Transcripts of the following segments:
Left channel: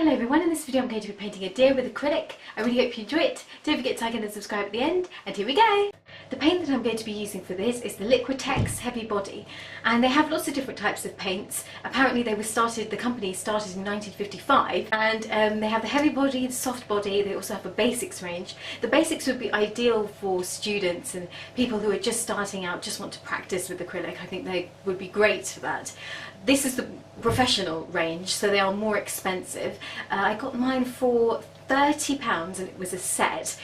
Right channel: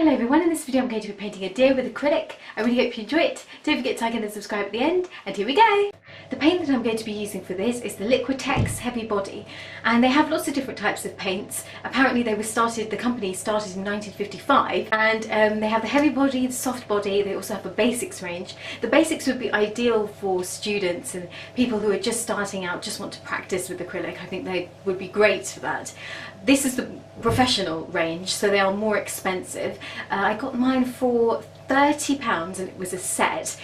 Hello everyone, in this video I'm going to be painting a deer with acrylic. I really hope you enjoy it. Don't forget to like and subscribe at the end, and here we go! The paint that I'm going to be using for this is the Liquitex Heavy Body, and they have lots of different types of paints. Apparently the company started in 1955, and they have the heavy body, the soft body, they also have a basics range. The basics would be ideal for students and people who are just starting out, just want to practice with acrylic. I think they would be great for that. This is the professional range, so they are more expensive. I got mine for £30 and it was a set,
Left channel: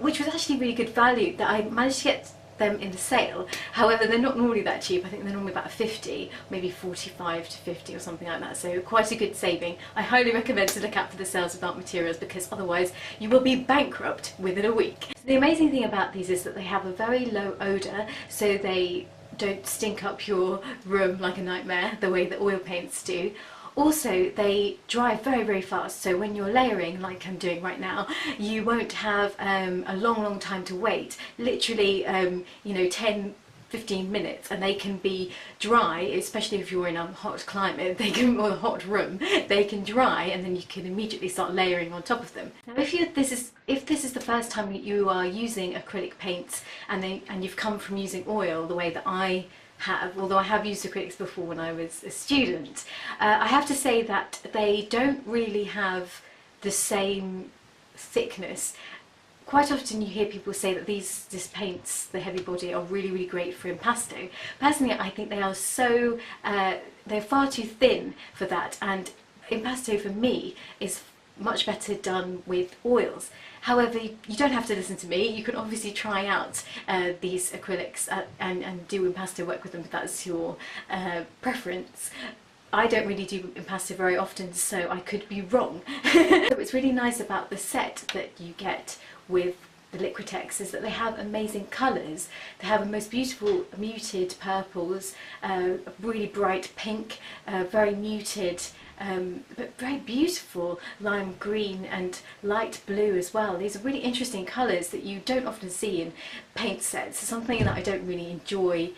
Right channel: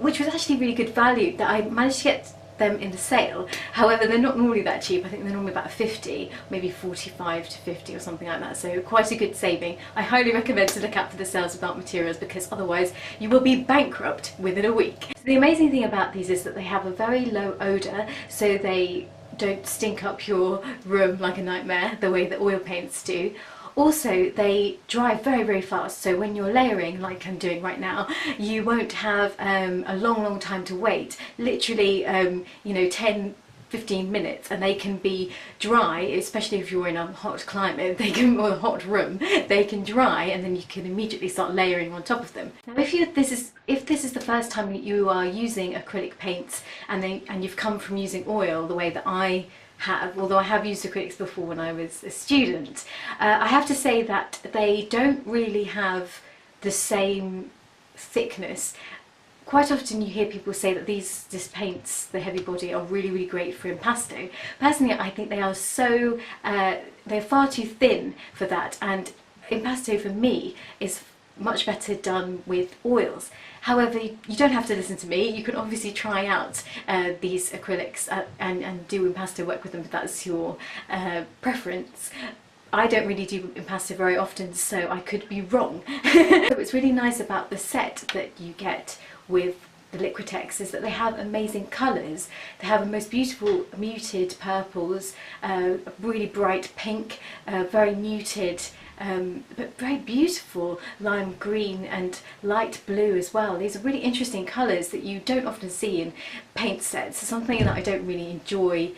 which was actually really good value. That I managed to get them in the sale. However, they're not normally that cheap. I think they're normally about 50, maybe 45 to 50 or something like that, so quite a good saving. I highly recommend to look out for the sales without materials, because otherwise you will be bankrupt within a week. So the amazing thing about these is that they have a very low odour, so they don't stink up your room like a nightmare the way that oil paints do. Also, they dry very, very fast, so when you're layering, like I'm doing right now, you won't have a long time to wait. Literally, 10-15 minutes, and they can be dry, especially if you're in a hot climate, or a hot room, they can dry, and then you can immediately start layering on top of them. Now, if this is the first time you are using acrylic paints, and you've come from using oil the way that I have, although I have used acrylics before when I was a student, I have to say that they don't really have the same thickness. Quite often you hear people say that these paints, the heavy body, are really great for impasto. Personally, I think they are so, they're far too thin for that, and impasto for me is much better done with oils. However, you don't have to listen to me. You can obviously try out these acrylics and do impasto work with them if that's your preference. I don't really do impasto very often, so I could be wrong. So what's really nice about the set that you get with the Liquitex is that they have amazing colours. They have the most beautiful muted purples, really bright pink, very muted but very beautiful lime green and light blue as well. These are really interesting colours that you don't often see in paint sets. It's something that I don't really enjoy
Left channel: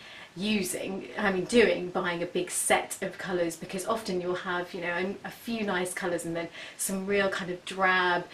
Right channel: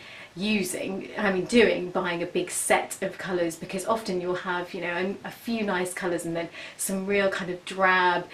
buying a big set of colours, because often you'll have, a few nice colours and then some real kind of drab,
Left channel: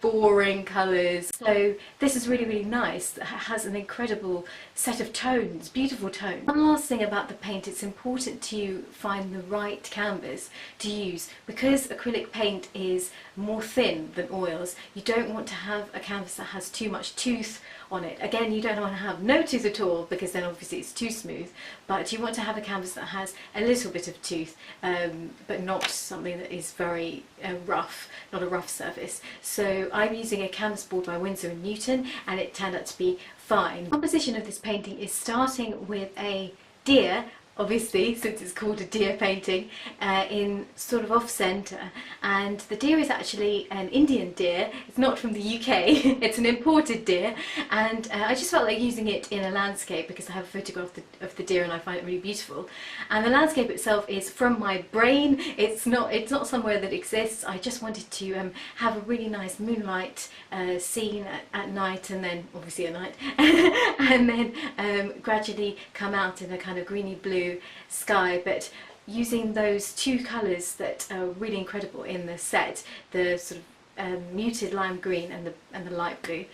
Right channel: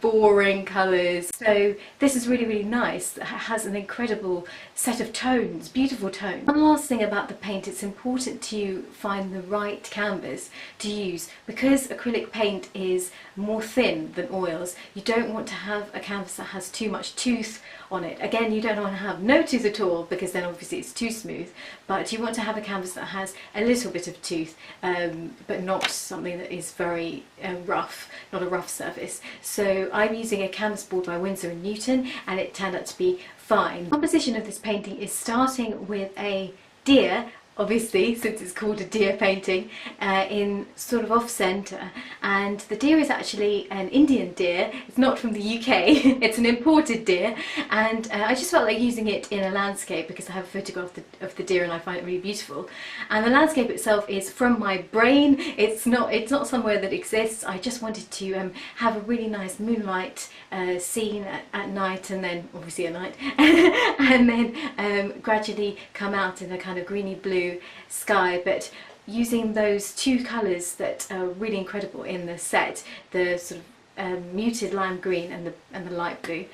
boring colours. So this is really nice. It has an incredible set of tones, beautiful tones. One last thing about the paint, it's important to find the right canvas to use. Because acrylic paint is more thin than oils, you don't want to have a canvas that has too much tooth on it. Again, you don't want to have no tooth at all, because then obviously it's too smooth, but you want to have a canvas that has a little bit of tooth, but not something that is very rough, not a rough surface. So I'm using a canvas board by Winsor & Newton, and it turned out to be fine. The composition of this painting is starting with a deer, obviously, since it's called a deer painting, in sort of off-centre, and the deer is actually an Indian deer. It's not from the UK, it's an imported deer, and I just felt like using it in a landscape because I have a photograph of the deer and I find it really beautiful. And the landscape itself is from my brain. It's not somewhere that exists. I just wanted to have a really nice moonlight scene at night, and then obviously at night, and then gradually come out in a kind of greeny blue sky, but using those two colours that are really incredible in the set, the sort of muted lime green and the light blue.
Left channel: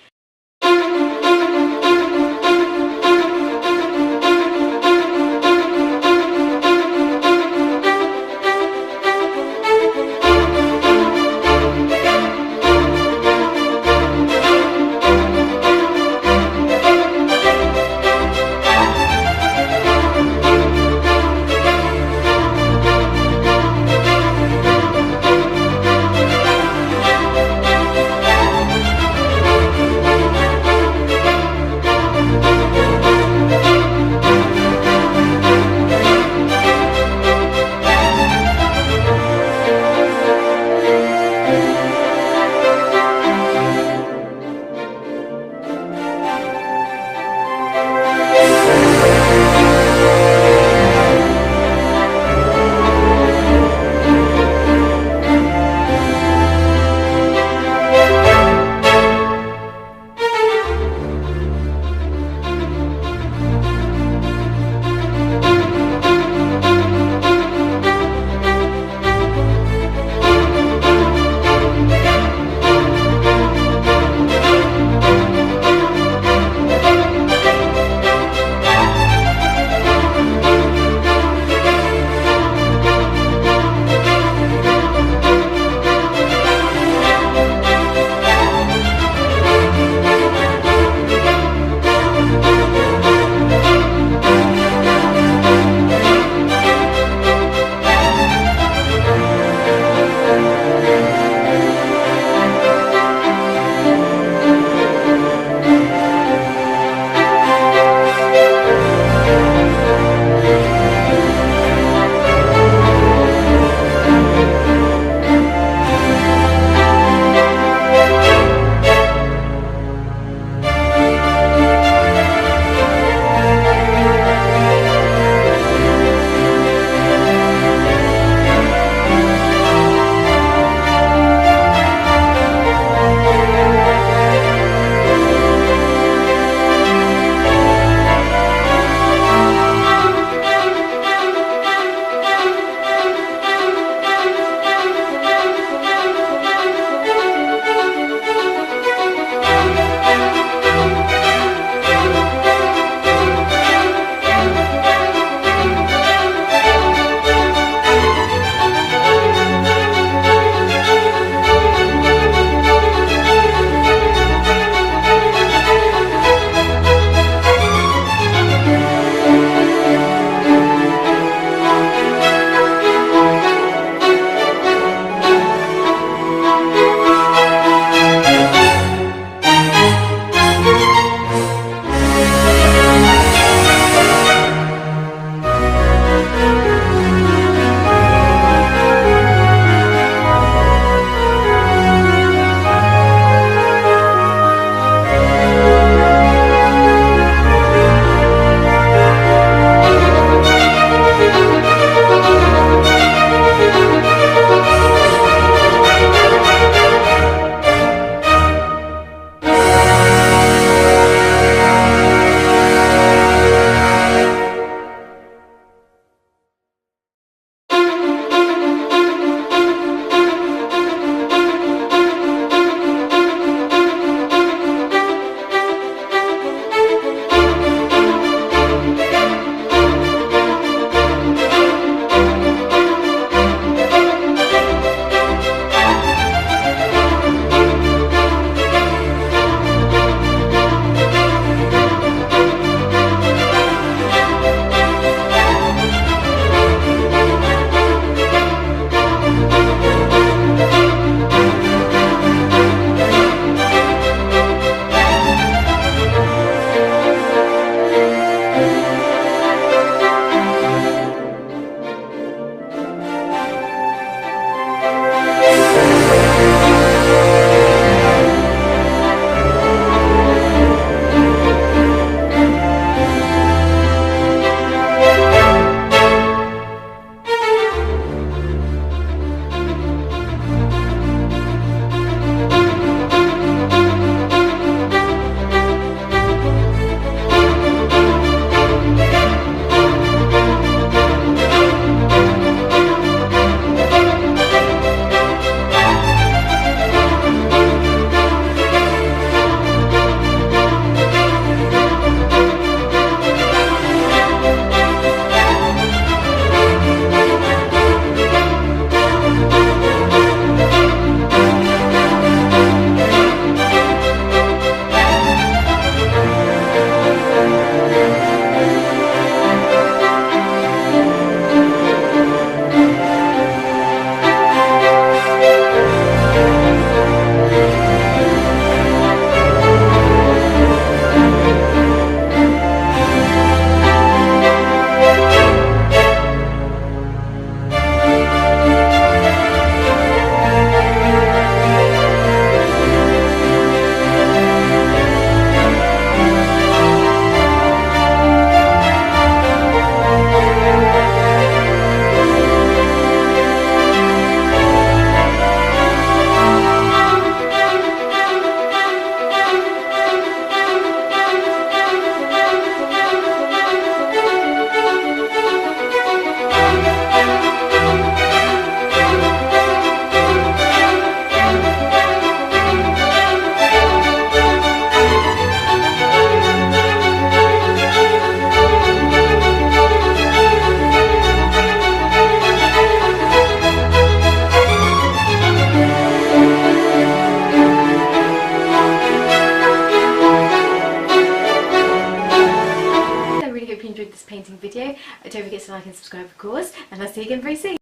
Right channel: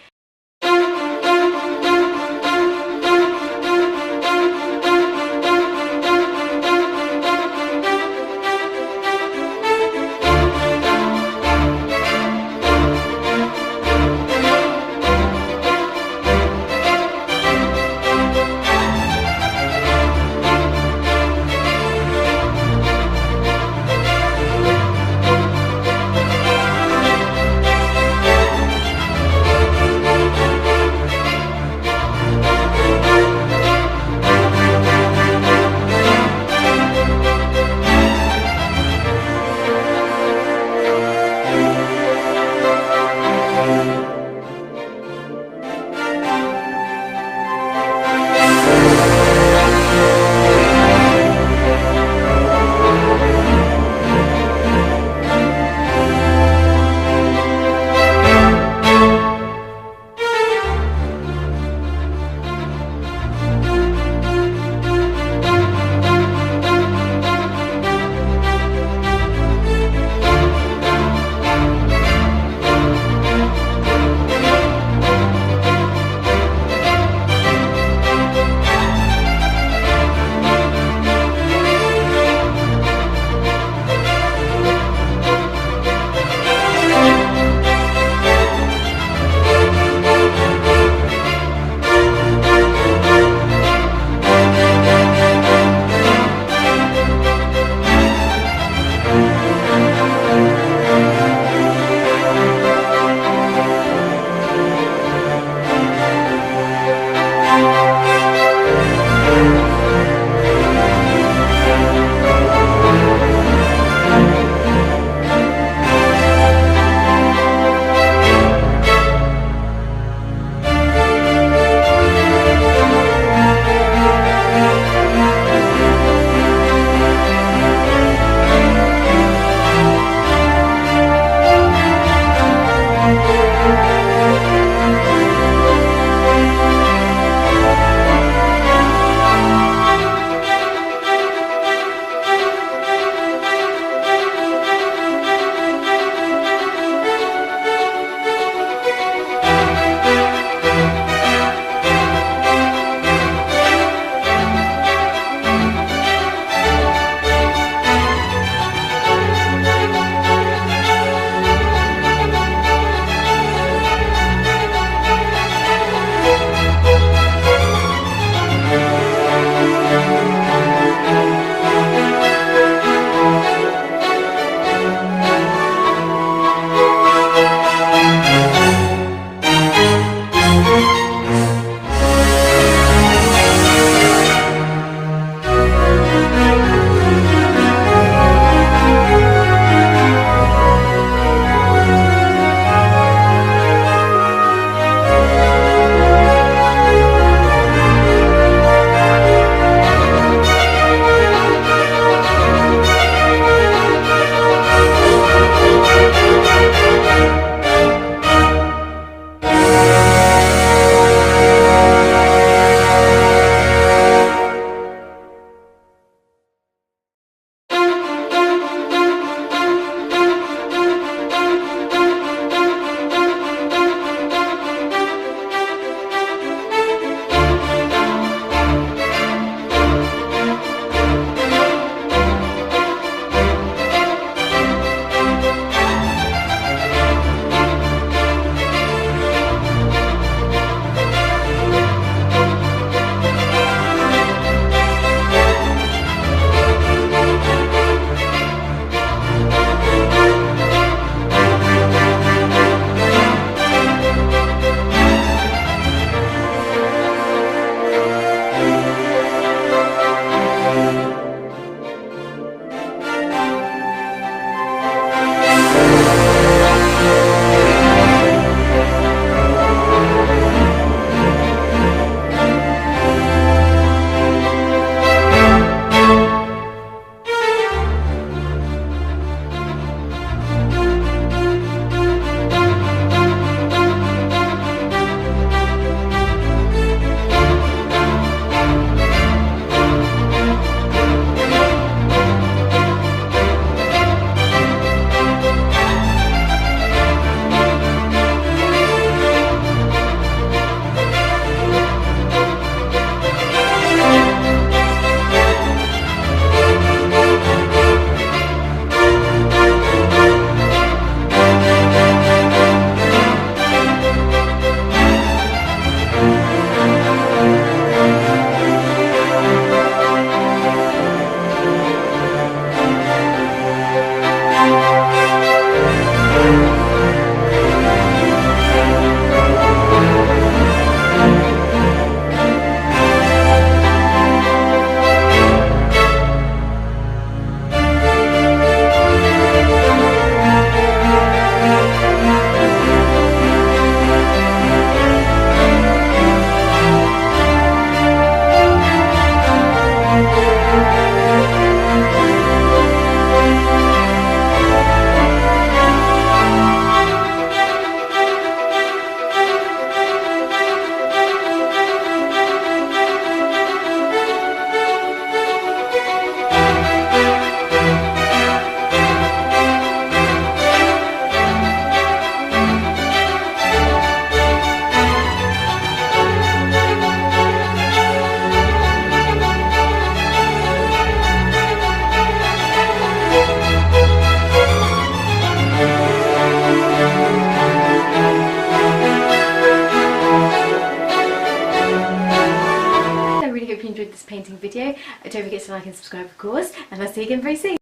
enjoyed this painting video. Don't forget to like and subscribe, of course, and I'll see you again very soon.